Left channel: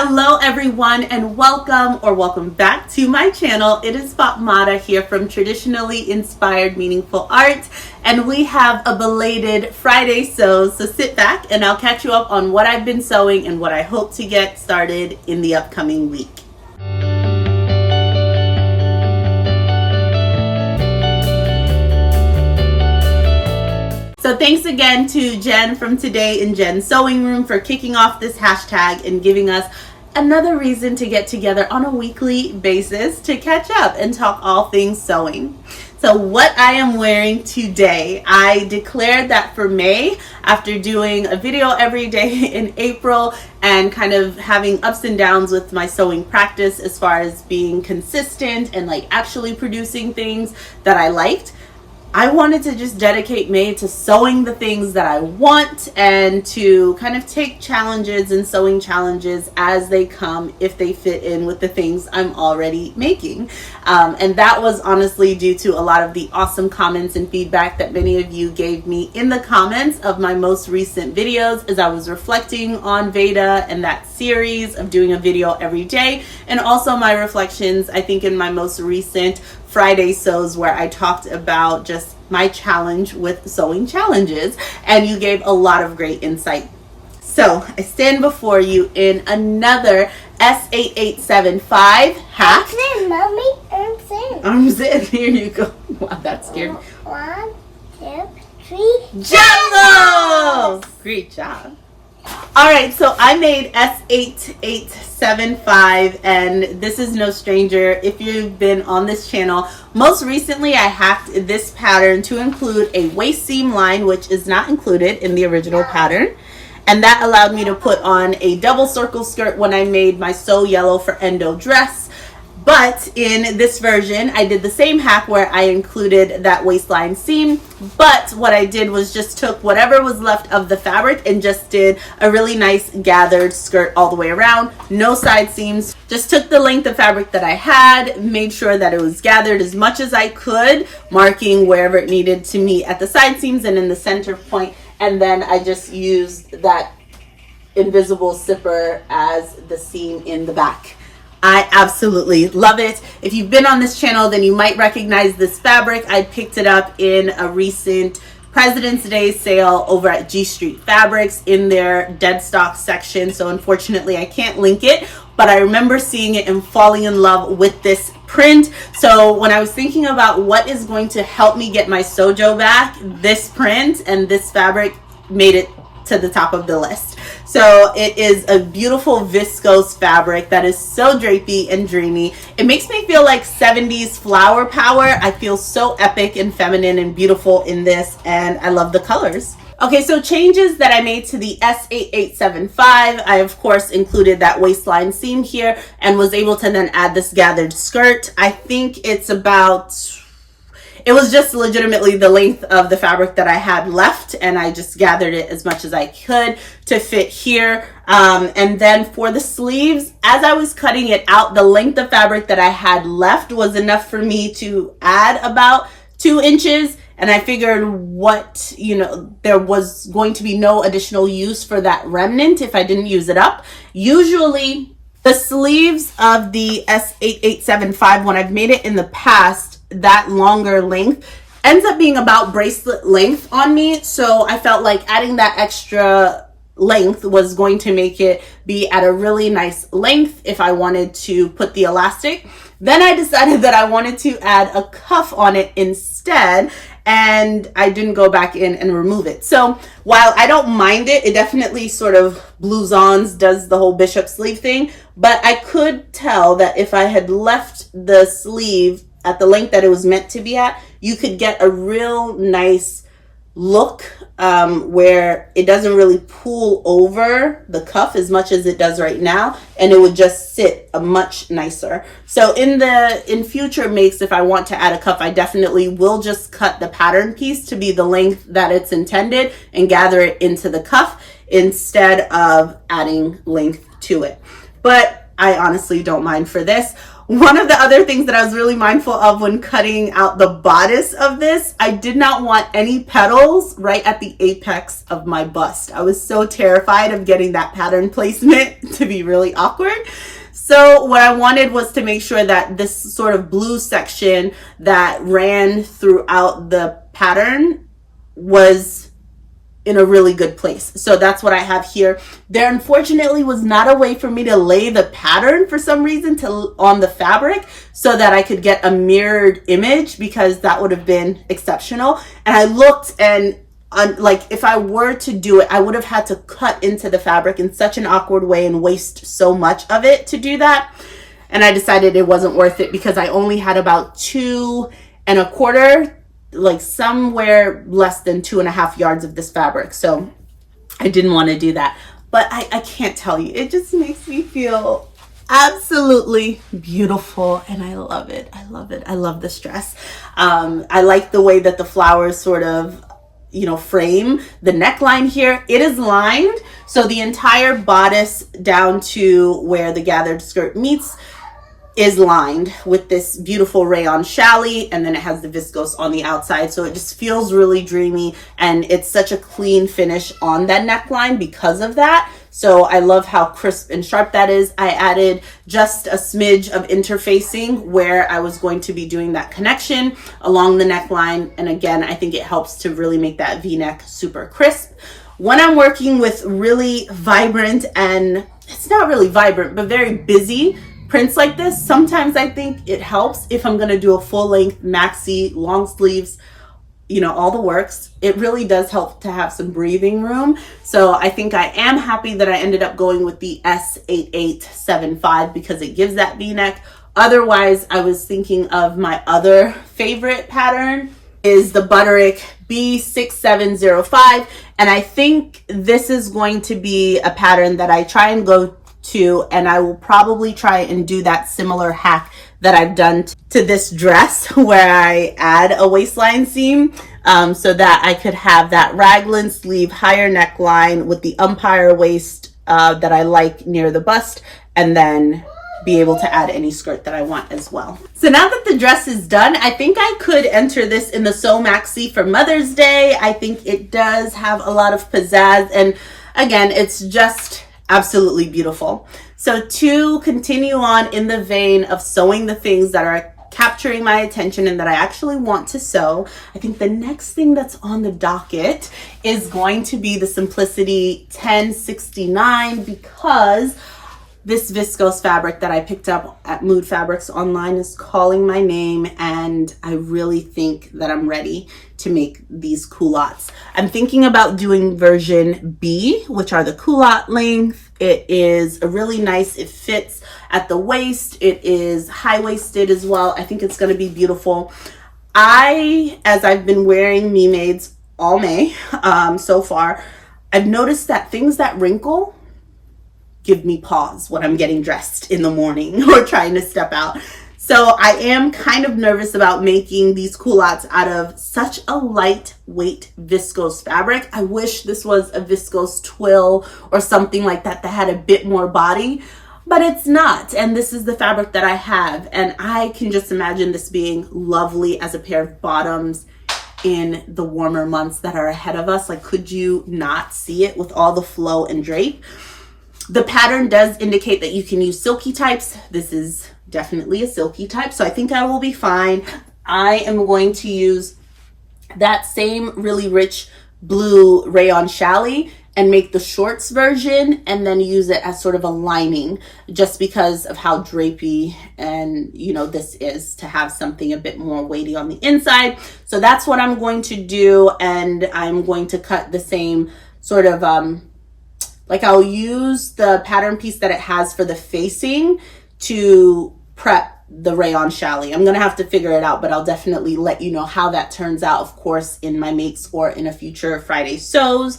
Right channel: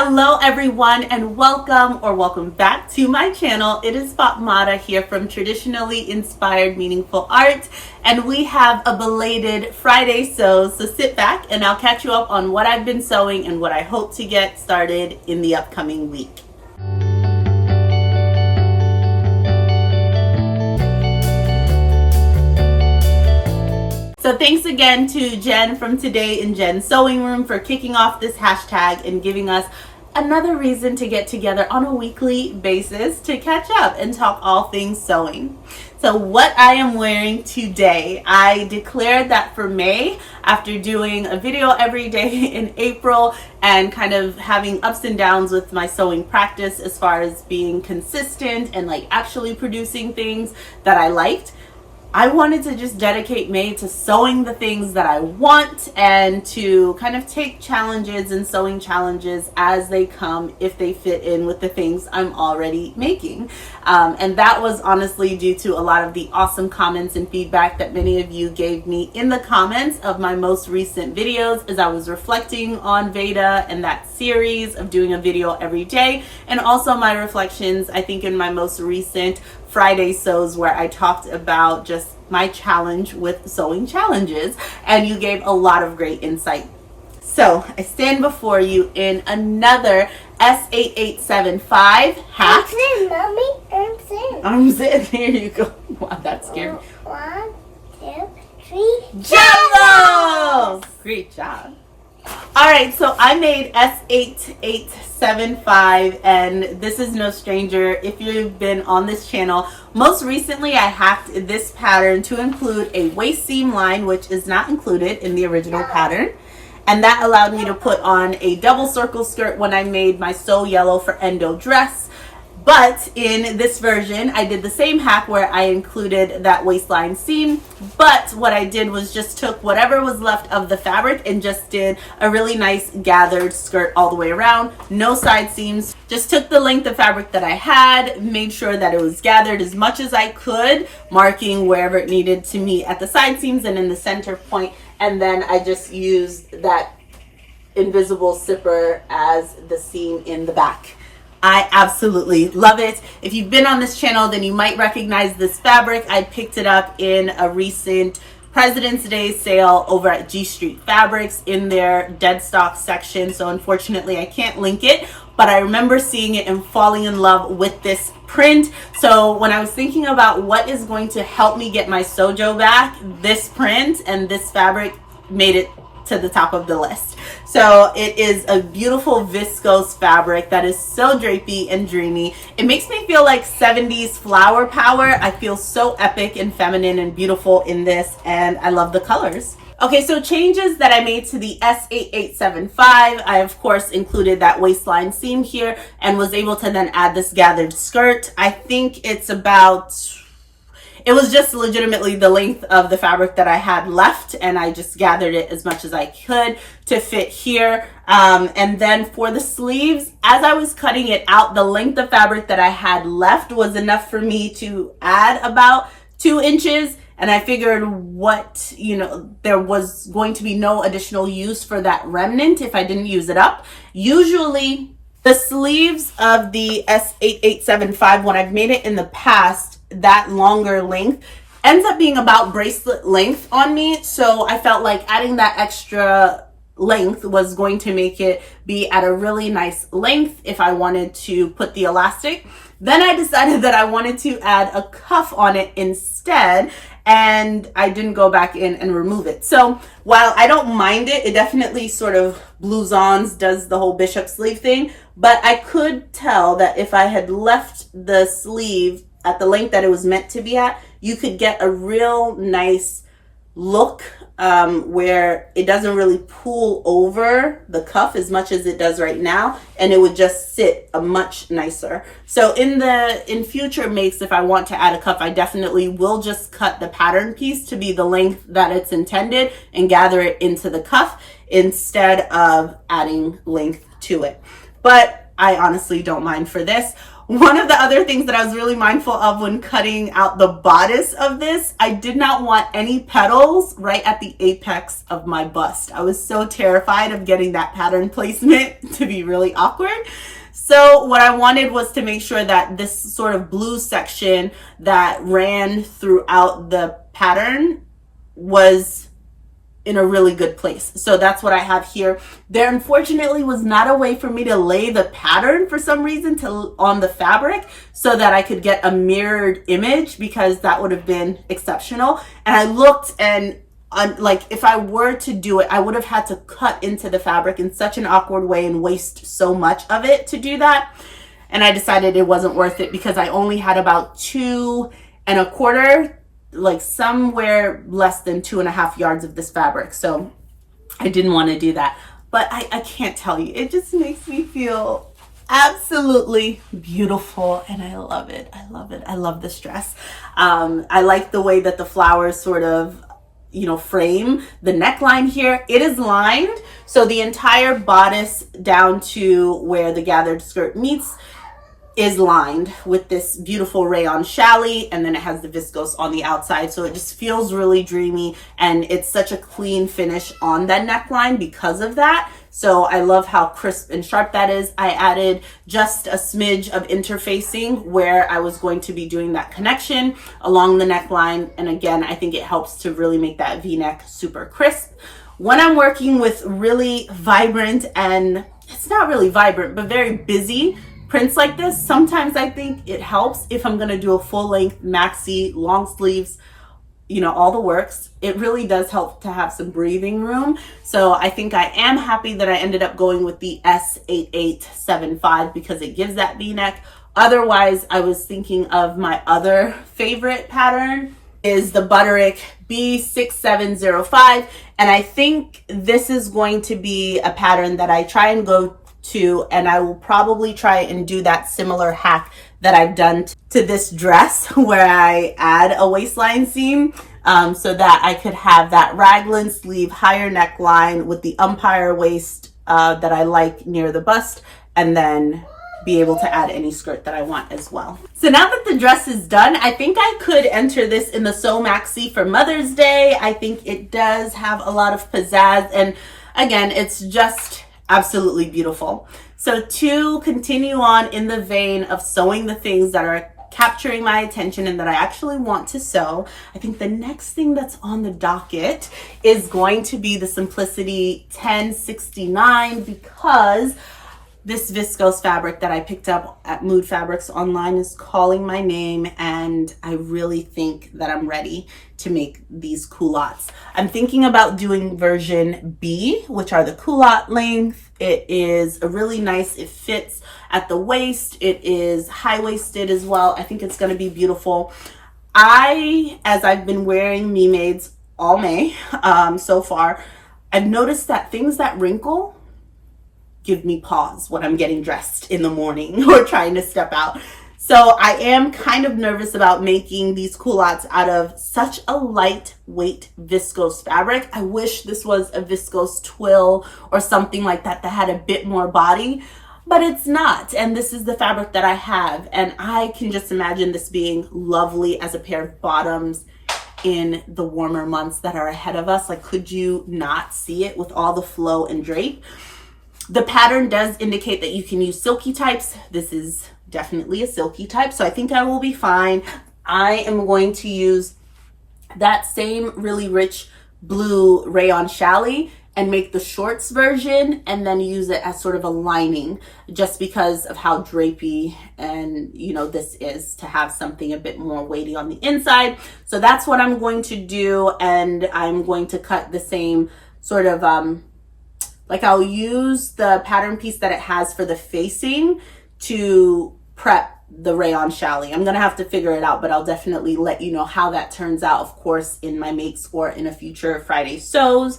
Hello everyone and welcome back to my channel. It is Fatmata here from Traditionally Inspired Meaningful Art, and we have a belated Friday sew, so sit back and I'll catch you up on what I've been sewing and what I hope to get started in the upcoming week. So thanks again to Jen from Today in Jen's Sewing Room for kicking off this hashtag and giving us another reason to get together on a weekly basis to catch up and talk all things sewing. So what I am wearing today, I declared that for May, after doing a video every day in April and kind of having ups and downs with my sewing practice as far as being consistent and like actually producing things that I liked, I wanted to just dedicate May to sewing the things that I want and to kind of take challenges and sewing challenges as they come if they fit in with the things I'm already making. And that was honestly due to a lot of the awesome comments and feedback that many of you gave me in the comments of my most recent videos as I was reflecting on Veda and that series of doing a video every day, and also my reflections, I think, in my most recent Friday sews where I talked about just my challenge with sewing challenges, and you gave a lot of great insight. So I stand before you in another S8875 hack. Arms in. Arms in. Here you go. Wow, that scared me. 1, 2, 3. Jello! Great job. All right, so I made S8875, and this is no stranger if you've been on this channel. Most recently, I hacked this pattern to include a waist seam line, which is not included in the original pattern. And that allowed me to put on a double circle skirt when I made my So Yellow for Endo dress. But in this version, I did the same hack where I included that waistline seam. But what I did was just took whatever was left of the fabric and just did a really nice gathered skirt all the way around. No side seams. Just took the length of fabric that I had, made sure that it was gathered as much as I could, marking wherever it needed to meet at the side seams and in the center point. And then I just used that invisible zipper as the seam in the back. I absolutely love it. If you've been on this channel, then you might recognize this fabric. I picked it up in a recent President's Day sale over at G Street Fabrics in their dead stock section. So unfortunately, I can't link it, but I remember seeing it and falling in love with this print. So when I was thinking about what is going to help me get my SewJo back, this print and this fabric made it to the top of the list. So it is a beautiful viscose fabric that is so drapey and dreamy. It makes me feel like 70s flower power. I feel so epic and feminine and beautiful in this, and I love the colors. Okay, so changes that I made to the S8875. I, of course, included that waistline seam here and was able to then add this gathered skirt. I think it's about... It was just legitimately the length of the fabric that I had left, and I just gathered it as much as I could to fit here. And then for the sleeves, as I was cutting it out, the length of fabric that I had left was enough for me to add about 2 inches. And I figured there was going to be no additional use for that remnant if I didn't use it up. Usually the sleeves of the S8875, when I've made it in the past, that longer length ends up being about bracelet length on me. So I felt like adding that extra length was going to make it be at a really nice length if I wanted to put the elastic. Then I decided that I wanted to add a cuff on it instead, and I didn't go back in and remove it. So while I don't mind it, it definitely sort of blouses, does the whole bishop sleeve thing, but I could tell that if I had left the sleeve at the length that it was meant to be at, you could get a real nice look where it doesn't really pull over the cuff as much as it does right now, and it would just sit a much nicer. So in future makes, if I want to add a cuff, I definitely will just cut the pattern piece to be the length that it's intended and gather it into the cuff instead of adding length to it. But I honestly don't mind for this. One of the other things that I was really mindful of when cutting out the bodice of this, I did not want any petals right at the apex of my bust. I was so terrified of getting that pattern placement to be really awkward. So what I wanted was to make sure that this sort of blue section that ran throughout the pattern was in a really good place. So that's what I have here. There unfortunately was not a way for me to lay the pattern for some reason on the fabric so that I could get a mirrored image, because that would have been exceptional. And I looked, and like if I were to do it, I would have had to cut into the fabric in such an awkward way and waste so much of it to do that. And I decided it wasn't worth it because I only had about 2 1/4, like somewhere less than 2.5 yards of this fabric. So I didn't want to do that. But I can't tell you, it just makes me feel absolutely beautiful, and I love it. I love it. I love this dress. I like the way that the flowers sort of, you know, frame the neckline here. It is lined, so the entire bodice down to where the gathered skirt meets is lined with this beautiful rayon challis, and then it has the viscose on the outside, so it just feels really dreamy, and it's such a clean finish on that neckline because of that. So I love how crisp and sharp that is. I added just a smidge of interfacing where I was going to be doing that connection along the neckline, and again, I think it helps to really make that V-neck super crisp. When I'm working with really vibrant, and it's not really vibrant, but very busy prints like this, sometimes I think it helps if I'm going to do a full length maxi, long sleeves, you know, all the works. It really does help to have some breathing room. So I think I am happy that I ended up going with the S8875 because it gives that V-neck. Otherwise, I was thinking of my other favorite pattern is the Butterick B6705. And I think this is going to be a pattern that I try and go to, and I will probably try and do that similar hack that I've done to this dress where I add a waistline seam so that I could have that raglan sleeve, higher neckline with the umpire waist that I like near the bust, and then be able to add any skirt that I want as well. So now that the dress is done, I think I could enter this in the Sew Maxi for Mother's Day. I think it does have a lot of pizzazz, and again, it's just absolutely beautiful. So to continue on in the vein of sewing the things that are capturing my attention and that I actually want to sew, I think the next thing that's on the docket is going to be the Simplicity 1069, because this viscose fabric that I picked up at Mood Fabrics online is calling my name, and I really think that I'm ready to make these culottes. I'm thinking about doing version B, which are the culotte length. It is a really nice, it fits at the waist. It is high-waisted as well. I think it's going to be beautiful. As I've been wearing Me Maids all May so far, I've noticed that things that wrinkle give me pause when I'm getting dressed in the morning or trying to step out. So I am kind of nervous about making these culottes out of such a lightweight viscose fabric. I wish this was a viscose twill or something like that that had a bit more body, but it's not. And this is the fabric that I have. And I can just imagine this being lovely as a pair of bottoms in the warmer months that are ahead of us. Like, could you not see it with all the flow and drape? The pattern does indicate that you can use silky types. This is definitely a silky type, so I think I will be fine. I am going to use that same really rich blue rayon challis and make the shorts version, and then use it as sort of a lining, just because of how drapey and, you know, this is, to have something a bit more weighty on the inside. So that's what I'm going to do, and I'm going to cut the same sort of like, I'll use the pattern piece that it has for the facing to prep the rayon challis. I'm gonna have to figure it out, but I'll definitely let you know how that turns out, of course, in my makes or in a future Friday sews.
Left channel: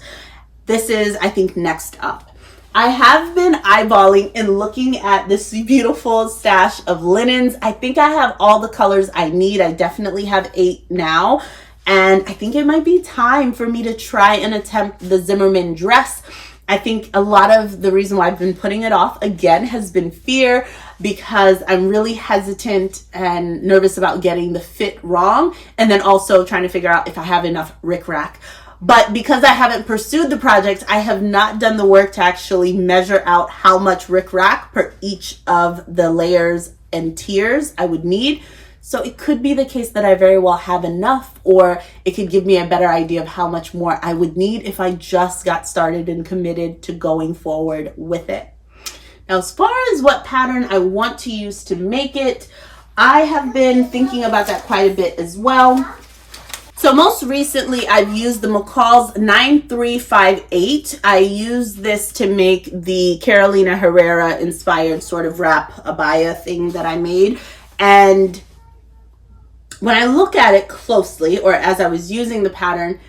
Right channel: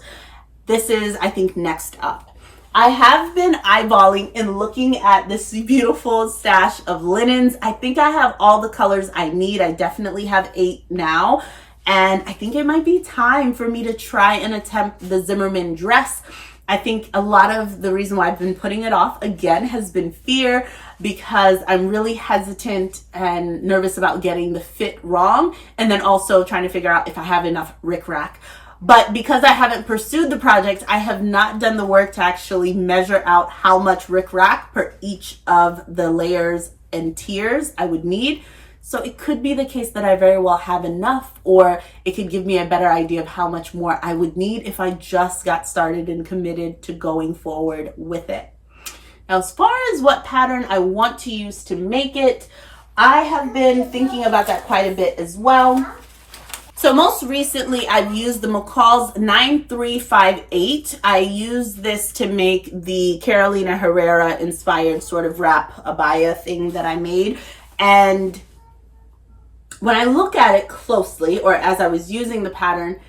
This is, I think, next up. I have been eyeballing and looking at this beautiful stash of linens. I think I have all the colors I need. I definitely have 8 now, and I think it might be time for me to try and attempt the Zimmermann dress. I think a lot of the reason why I've been putting it off again has been fear, because I'm really hesitant and nervous about getting the fit wrong, and then also trying to figure out if I have enough rickrack. But because I haven't pursued the project, I have not done the work to actually measure out how much rickrack per each of the layers and tiers I would need. So it could be the case that I very well have enough, or it could give me a better idea of how much more I would need if I just got started and committed to going forward with it. Now, as far as what pattern I want to use to make it, I have been thinking about that quite a bit as well. So most recently, I've used the McCall's 9358. I used this to make the Carolina Herrera inspired sort of wrap abaya thing that I made. And when I look at it closely, or as I was using the pattern,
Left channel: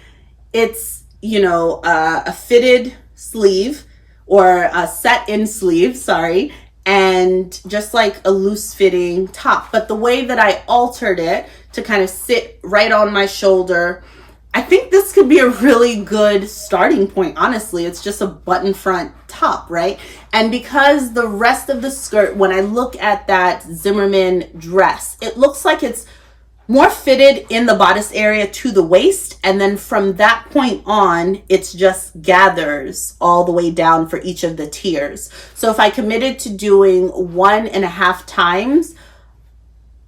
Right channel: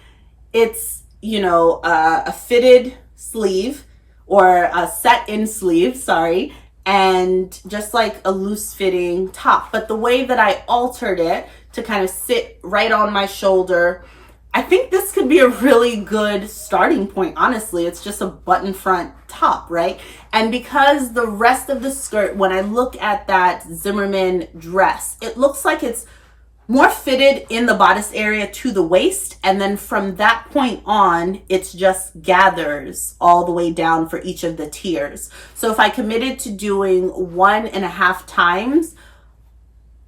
it's, you know, a fitted sleeve, or a set-in sleeve, sorry, and just like a loose fitting top. But the way that I altered it to kind of sit right on my shoulder, I think this could be a really good starting point, honestly. It's just a button front top, right? And because the rest of the skirt, when I look at that Zimmerman dress, it looks like it's more fitted in the bodice area to the waist, and then from that point on, it's just gathers all the way down for each of the tiers. So if I committed to doing 1.5 times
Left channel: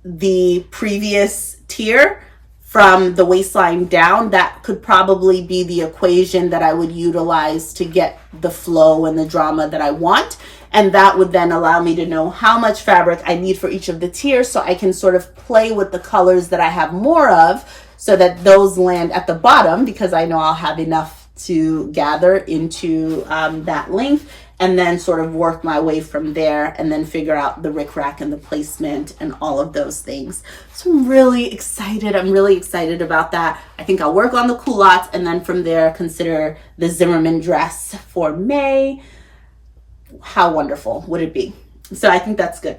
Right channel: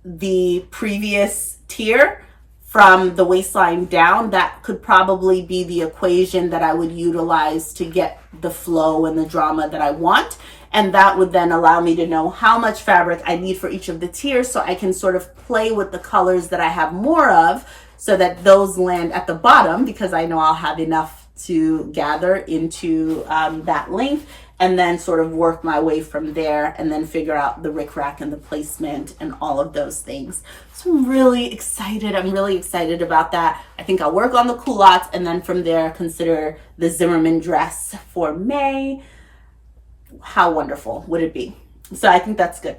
the previous tier from the waistline down, that could probably be the equation that I would utilize to get the flow and the drama that I want. And that would then allow me to know how much fabric I need for each of the tiers, so I can sort of play with the colors that I have more of, so that those land at the bottom, because I know I'll have enough to gather into that length, and then sort of work my way from there, and then figure out the rickrack and the placement and all of those things. So I'm really excited. I'm really excited about that. I think I'll work on the culottes, and then from there consider the Zimmerman dress for May. How wonderful would it be? So I think that's good.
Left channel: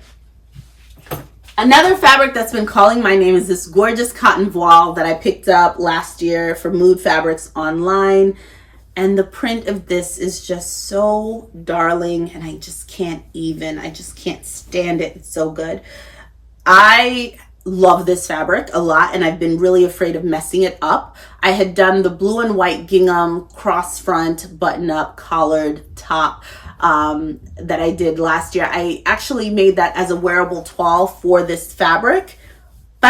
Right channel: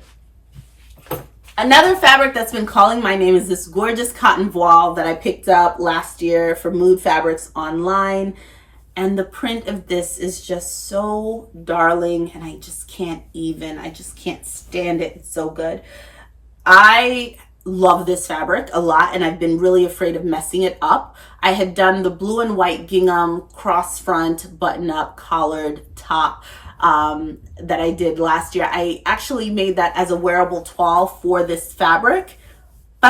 Another fabric that's been calling my name is this gorgeous cotton voile that I picked up last year for Mood Fabrics online. And the print of this is just so darling, and I just can't stand it. It's so good. I love this fabric a lot, and I've been really afraid of messing it up. I had done the blue and white gingham cross front button up collared top that I did last year. I actually made that as a wearable toile for this fabric, but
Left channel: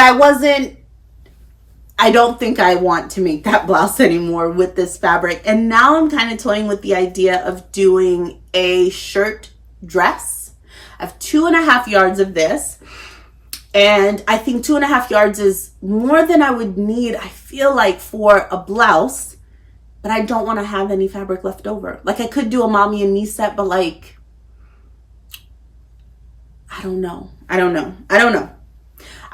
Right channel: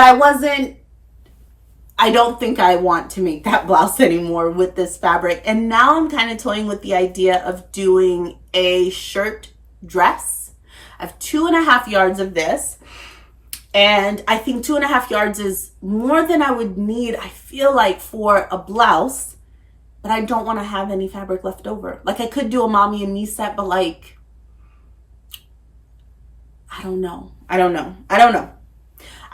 I don't think I want to make that blouse anymore with this fabric. And now I'm kind of toying with the idea of doing a shirt dress. I have 2.5 yards of this, and I think 2.5 yards is more than I would need, I feel like, for a blouse. But I don't want to have any fabric left over. Like, I could do a mommy and me set, but like, I don't know.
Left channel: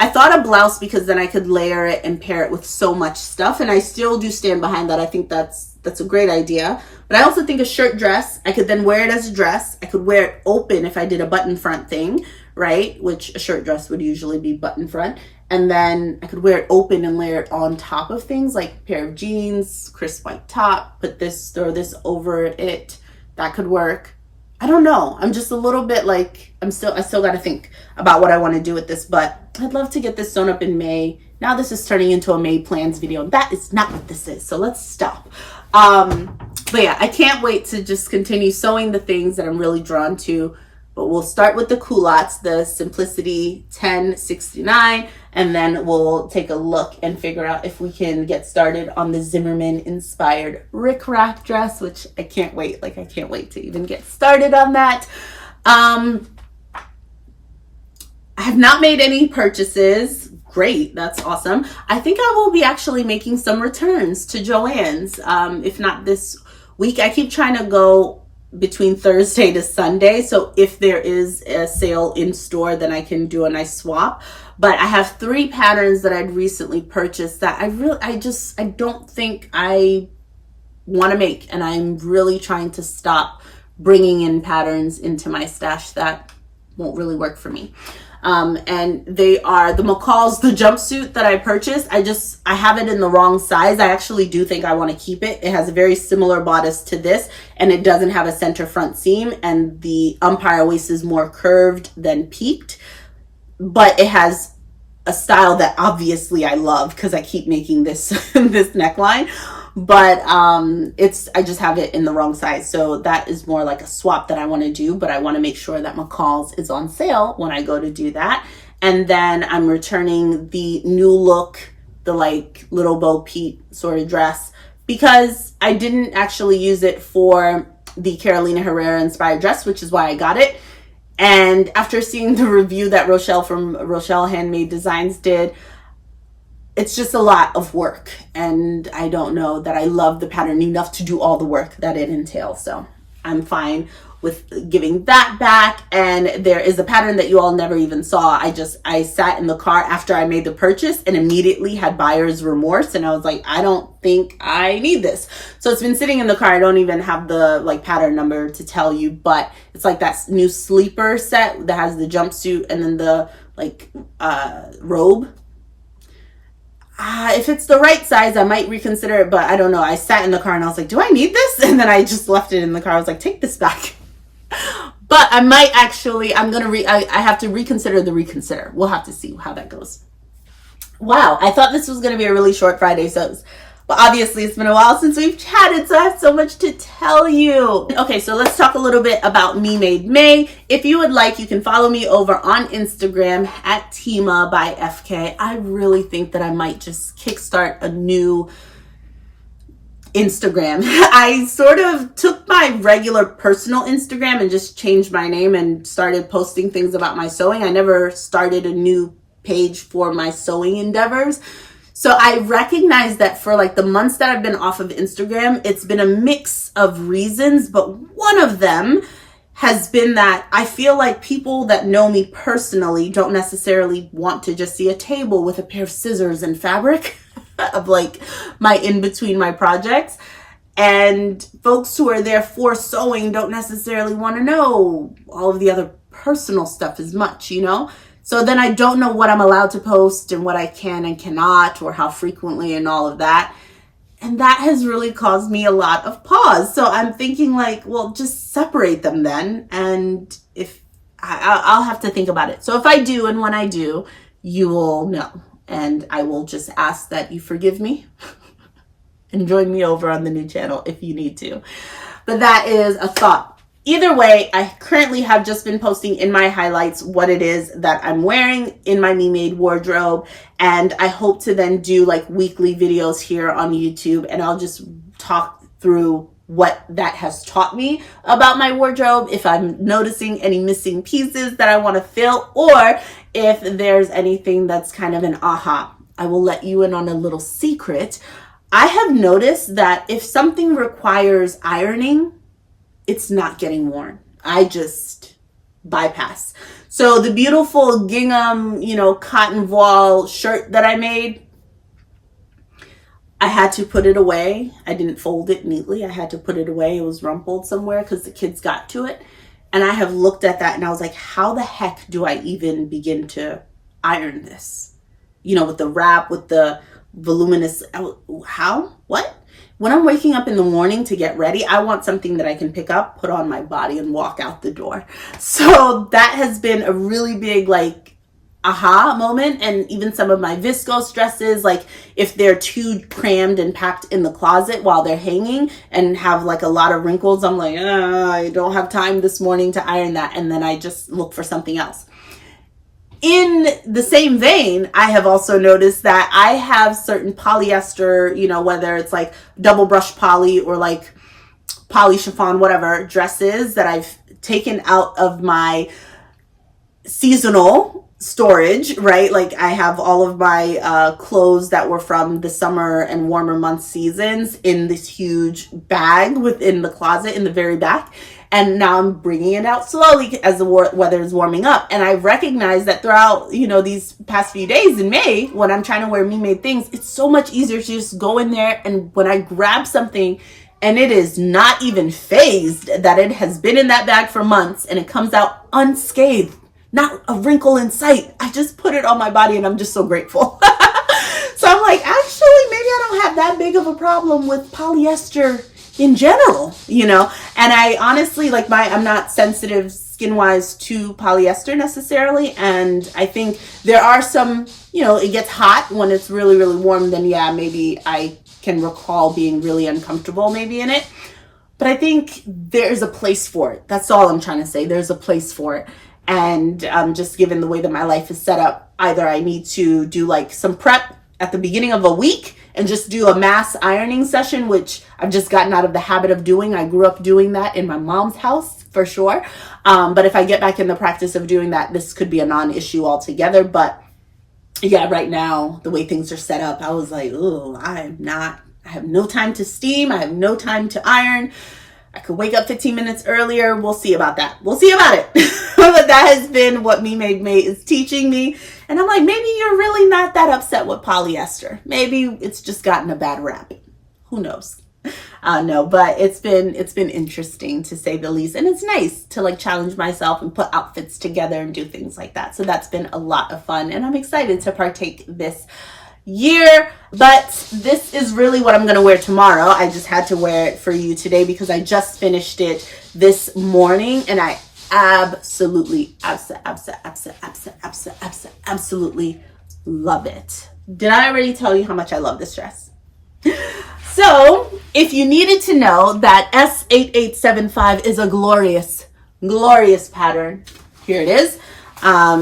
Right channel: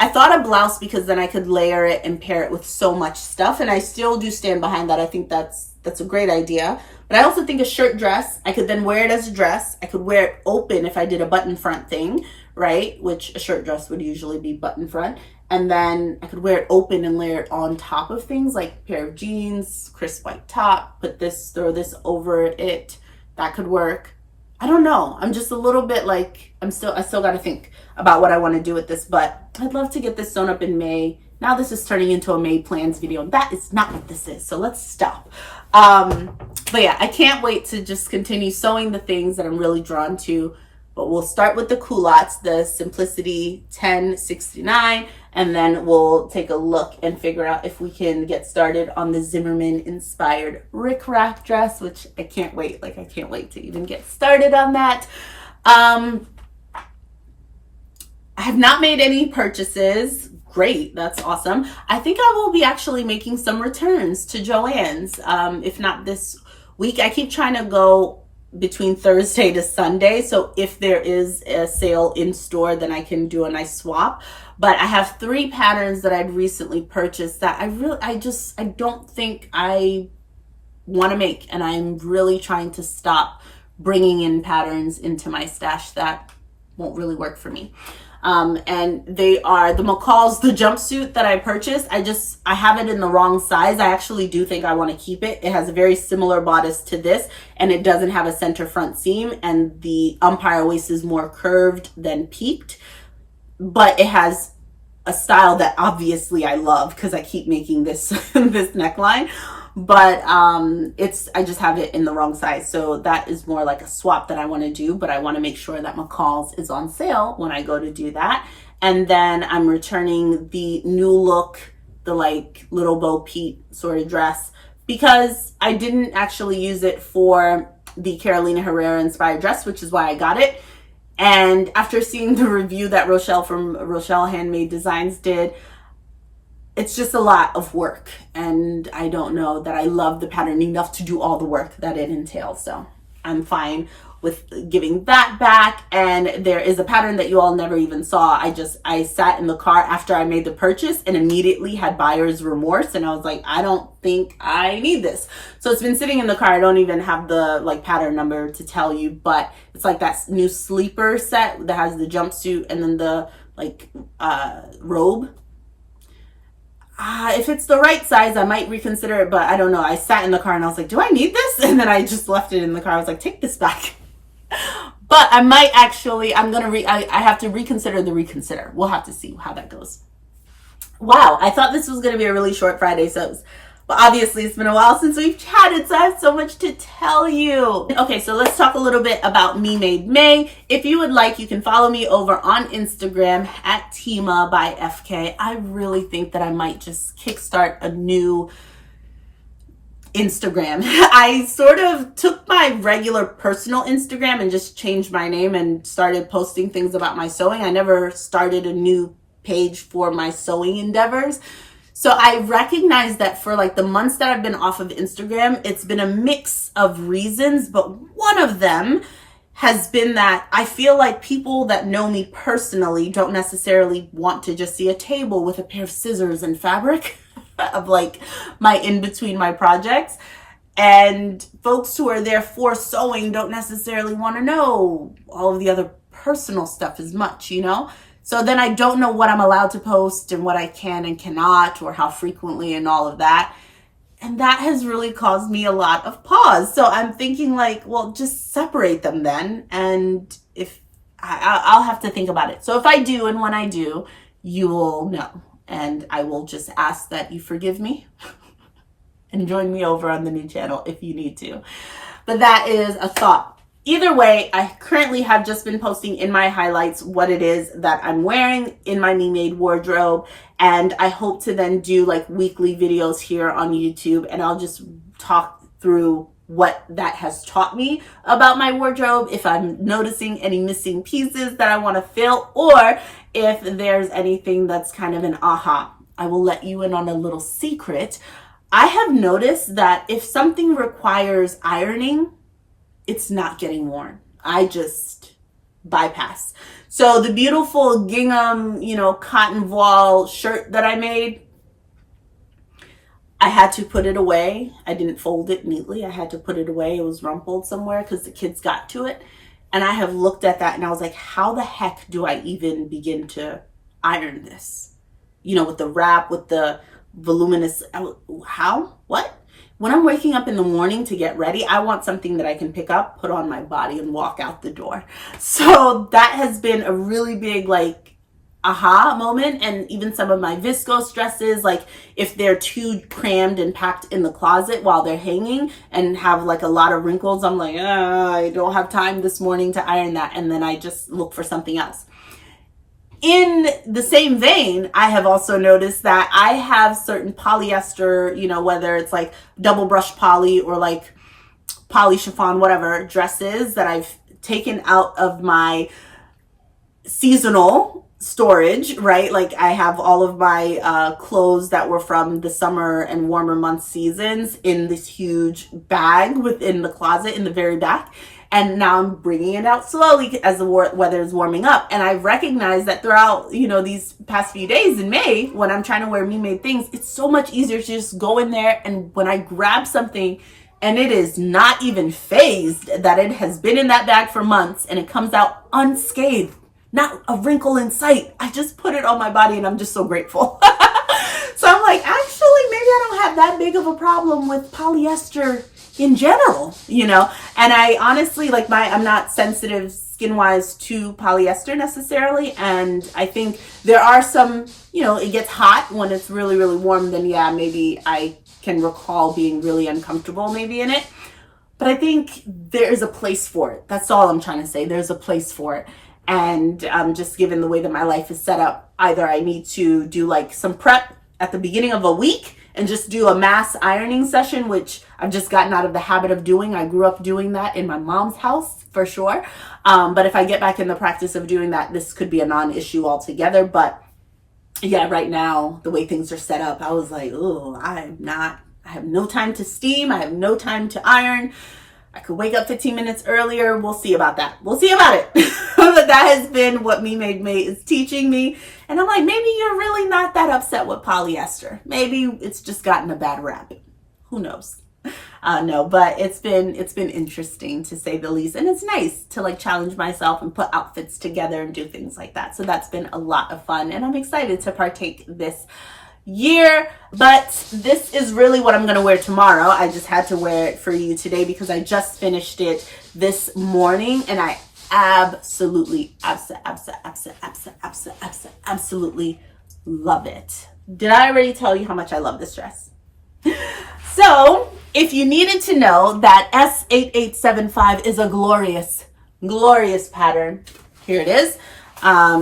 I thought a blouse, because then I could layer it and pair it with so much stuff, and I still do stand behind that. I think that's a great idea. But I also think a shirt dress, I could then wear it as a dress. I could wear it open if I did a button front thing, right? Which a shirt dress would usually be button front. And then I could wear it open and layer it on top of things, like a pair of jeans, crisp white top, throw this over it. That could work. I don't know. I'm just a little bit like, I still got to think about what I want to do with this, but I'd love to get this sewn up in May. Now this is turning into a May plans video, and that is not what this is. So let's stop. But yeah, I can't wait to just continue sewing the things that I'm really drawn to. But we'll start with the culottes, the Simplicity 1069, and then we'll take a look and figure out if we can get started on the Zimmerman inspired rickrack dress, which I can't wait. Like, I can't wait to even get started on that. I have not made any purchases. Great, that's awesome. I think I will be actually making some returns to Joann's, if not this week. I keep trying to go between Thursday to Sunday, so if there is a sale in store, then I can do a nice swap. But I have 3 patterns that I'd recently purchased that I don't think I want to make, and I'm really trying to stop bringing in patterns into my stash that won't really work for me. And they are the McCall's, the jumpsuit that I purchased. I have it in the wrong size. I actually do think I want to keep it. It has a very similar bodice to this, and it doesn't have a center front seam, and the umpire waist is more curved than peaked, but it has a style that obviously I love because I keep making this this neckline. But I just have it in the wrong size. So that is more like a swap that I want to do, but I want to make sure that McCall's is on sale when I go to do that. And then I'm returning the new look, the like little Bo Peep sort of dress, because I didn't actually use it for the Carolina Herrera inspired dress, which is why I got it. And after seeing the review that Rochelle from Rochelle Handmade Designs did, it's just a lot of work, and I don't know that I love the pattern enough to do all the work that it entails. So I'm fine with giving that back. And there is a pattern that you all never even saw. I sat in the car after I made the purchase and immediately had buyer's remorse, and I was like, I don't think I need this. So it's been sitting in the car. I don't even have the like pattern number to tell you, but it's like that new sleeper set that has the jumpsuit and then the like robe. If it's the right size, I might reconsider it, but I don't know. I sat in the car and I was like, do I need this? And then I just left it in the car. I was like, take this back. But I might actually, I have to reconsider the reconsider. We'll have to see how that goes. Wow, I thought this was going to be a really short Friday, but obviously it's been a while since we've chatted, so I have so much to tell you. Okay, so let's talk a little bit about Me Made May. If you would like, you can follow me over on Instagram at Tima by FK. I really think that I might just kickstart a new Instagram. I sort of took my regular personal Instagram and just changed my name and started posting things about my sewing. I never started a new page for my sewing endeavors. So I recognize that for like the months that I've been off of Instagram, it's been a mix of reasons, but one of them has been that I feel like people that know me personally don't necessarily want to just see a table with a pair of scissors and fabric of like my in between my projects. And folks who are there for sewing don't necessarily want to know all of the other personal stuff as much, you know? So then I don't know what I'm allowed to post and what I can and cannot, or how frequently and all of that. And that has really caused me a lot of pause. So I'm thinking like, well, just separate them then. And if I'll have to think about it. So if I do, and when I do, you will know. And I will just ask that you forgive me and join me over on the new channel if you need to. But that is a thought. Either way, I currently have just been posting in my highlights what it is that I'm wearing in my Me Made wardrobe. And I hope to then do like weekly videos here on YouTube, and I'll just talk through what that has taught me about my wardrobe, if I'm noticing any missing pieces that I want to fill, or if there's anything that's kind of an aha. I will let you in on a little secret. I have noticed that if something requires ironing, it's not getting worn. I just bypass. So the beautiful gingham, cotton voile shirt that I made, I had to put it away. I didn't fold it neatly. I had to put it away. It was rumpled somewhere because the kids got to it. And I have looked at that and I was like, how the heck do I even begin to iron this? With the wrap, with the voluminous, how? What? When I'm waking up in the morning to get ready, I want something that I can pick up, put on my body, and walk out the door. So that has been a really big, aha moment. And even some of my viscose dresses, if they're too crammed and packed in the closet while they're hanging and have a lot of wrinkles, I'm like, I don't have time this morning to iron that. And then I just look for something else. In the same vein, I have also noticed that I have certain polyester, whether it's double brush poly or poly chiffon, whatever, dresses that I've taken out of my seasonal storage, right? I have all of my clothes that were from the summer and warmer month seasons in this huge bag within the closet in the very back. And now I'm bringing it out slowly as the weather is warming up. And I recognize that throughout, these past few days in May, when I'm trying to wear Me Made things, it's so much easier to just go in there. And when I grab something and it is not even phased that it has been in that bag for months and it comes out unscathed, not a wrinkle in sight. I just put it on my body and I'm just so grateful. So I'm like, actually, maybe I don't have that big of a problem with polyester in general, you know? And I honestly, like I'm not sensitive skin-wise to polyester necessarily. And I think there are some, you know, it gets hot when it's really, really warm, then yeah, maybe I can recall being really uncomfortable maybe in it. But I think there's a place for it. That's all I'm trying to say. There's a place for it. And just given the way that my life is set up, either I need to do like some prep at the beginning of a week and just do a mass ironing session, which I've just gotten out of the habit of doing. I grew up doing that in my mom's house for sure. But if I get back in the practice of doing that, this could be a non-issue altogether. But yeah, right now, the way things are set up, I was like, oh, I have no time to steam. I have no time to iron. I could wake up 15 minutes earlier. We'll see about that. We'll see about it. But that has been what Me Made May is teaching me. And I'm like, maybe you're really not that upset with polyester. Maybe it's just gotten a bad rap. Who knows? No, but it's been interesting to say the least. And it's nice to like challenge myself and put outfits together and do things like that. So that's been a lot of fun. And I'm excited to partake this year. But this is really what I'm going to wear tomorrow. I just had to wear it for you today because I just finished it this morning. And I absolutely love it. Did I already tell you how much I love this dress? So if you needed to know that S8875 is a glorious pattern, here it is.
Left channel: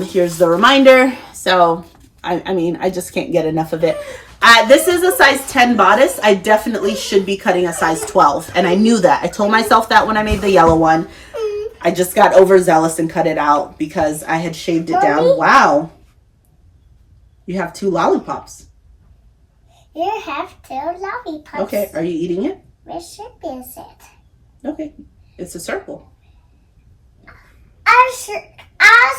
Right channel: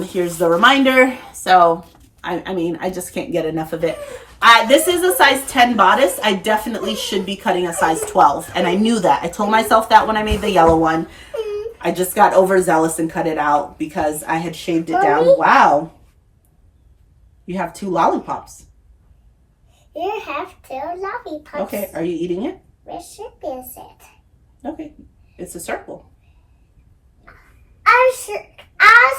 Here's the reminder. So I mean, I just can't get enough of it. This is a size 10 bodice. I definitely should be cutting a size 12. And I knew that. I told myself that when I made the yellow one. I just got overzealous and cut it out because I had shaved it down. Wow. You have 2 lollipops. You have 2 lollipops. Okay, are you eating it? Where shape is it? Okay, it's a circle. Our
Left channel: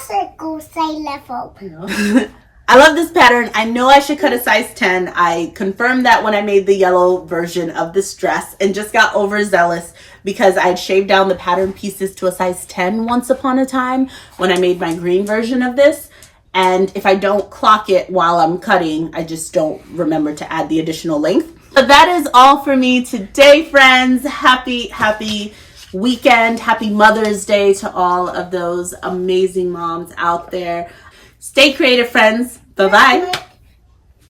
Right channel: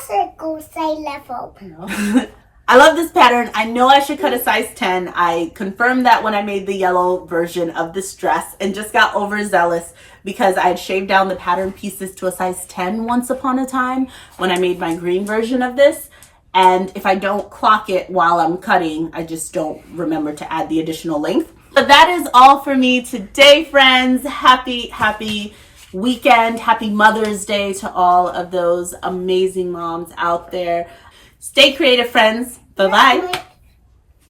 circle say level. I love this pattern. I know I should cut a size 10. I confirmed that when I made the yellow version of this dress and just got overzealous because I had shaved down the pattern pieces to a size 10 once upon a time when I made my green version of this. And if I don't clock it while I'm cutting, I just don't remember to add the additional length. But that is all for me today, friends. Happy weekend. Happy Mother's Day to all of those amazing moms out there. Stay creative, friends. Bye-bye.